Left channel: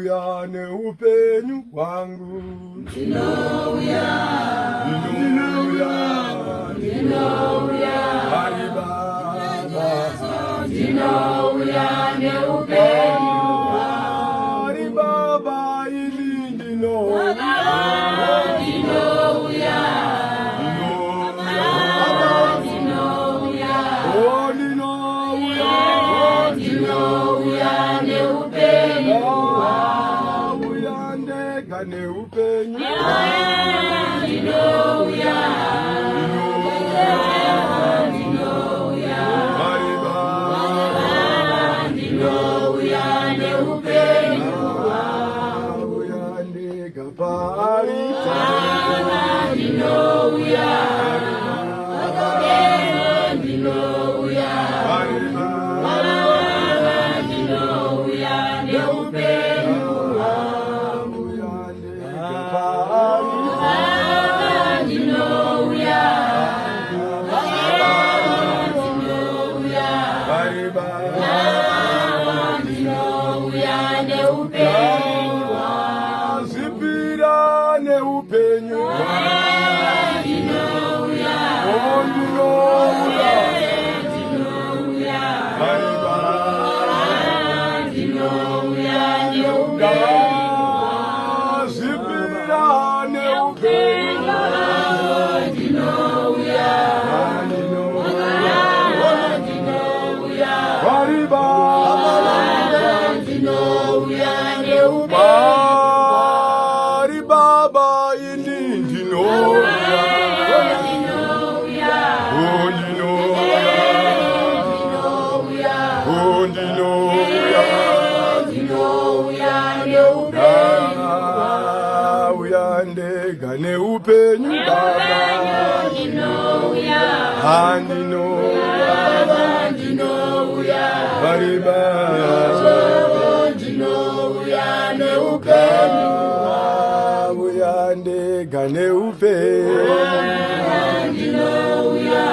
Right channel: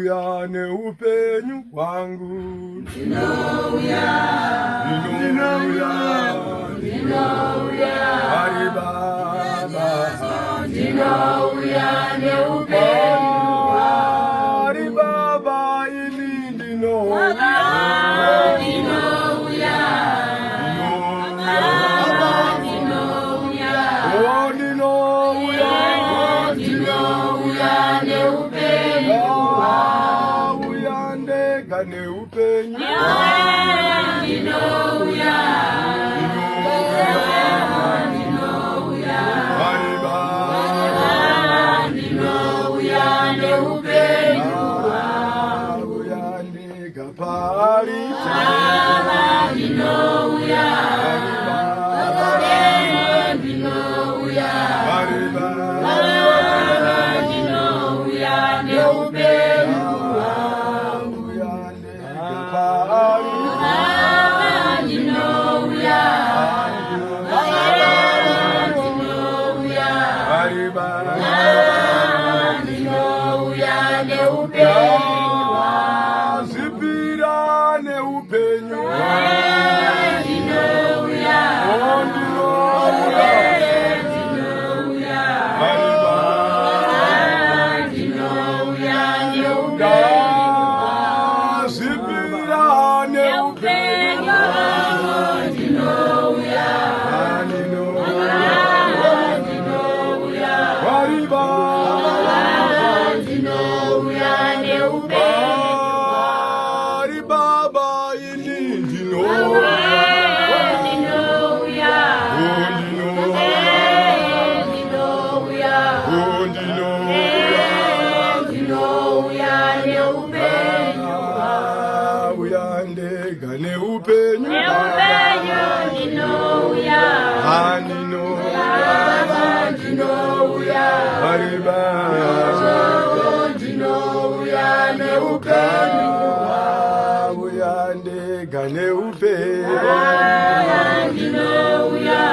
Ndinouya neupenyu hwangu. Ndinouya, Ndinouya, Ndinouya, Hari Baba. Ndinouya neupenyu hwangu. Hari Baba ini Ndinouya. Ndinouya, Ndinouya, Oh Ndinouya, Ndinouya neupenyu hwangu. uyandeka neupenyu. Ndinouya, Ndinouya, Hari Baba. Ndinouya neupenyu hwangu. Uyandeka pari. Ndinouya, Ndinouya, Hari Baba. Ndinouya neupenyu hwangu. Uyandeka pari. Ndinouya, Ndinouya, Hari Baba. Ndinouya neupenyu hwangu. Zipira neupenyu. Ndinouya, Oh Ndinouya. Ndinouya, Hari Baba. Ndinouya neupenyu Zipira neupenyu. neupenyu. Ndinouya, Ndinouya, Hari Baba. Ndinouya neupenyu. Hari Baba ini Ndinouya. Ndinouya, Oh Ndinouya. Ndinouya, Oh Ndinouya. Ndinouya neupenyu. Uyandeka neupenyu. Ndinouya, Ndinouya. Ndinouya, Hari Baba. Ndinouya neupenyu. Uyandeka neupenyu. Ndinouya.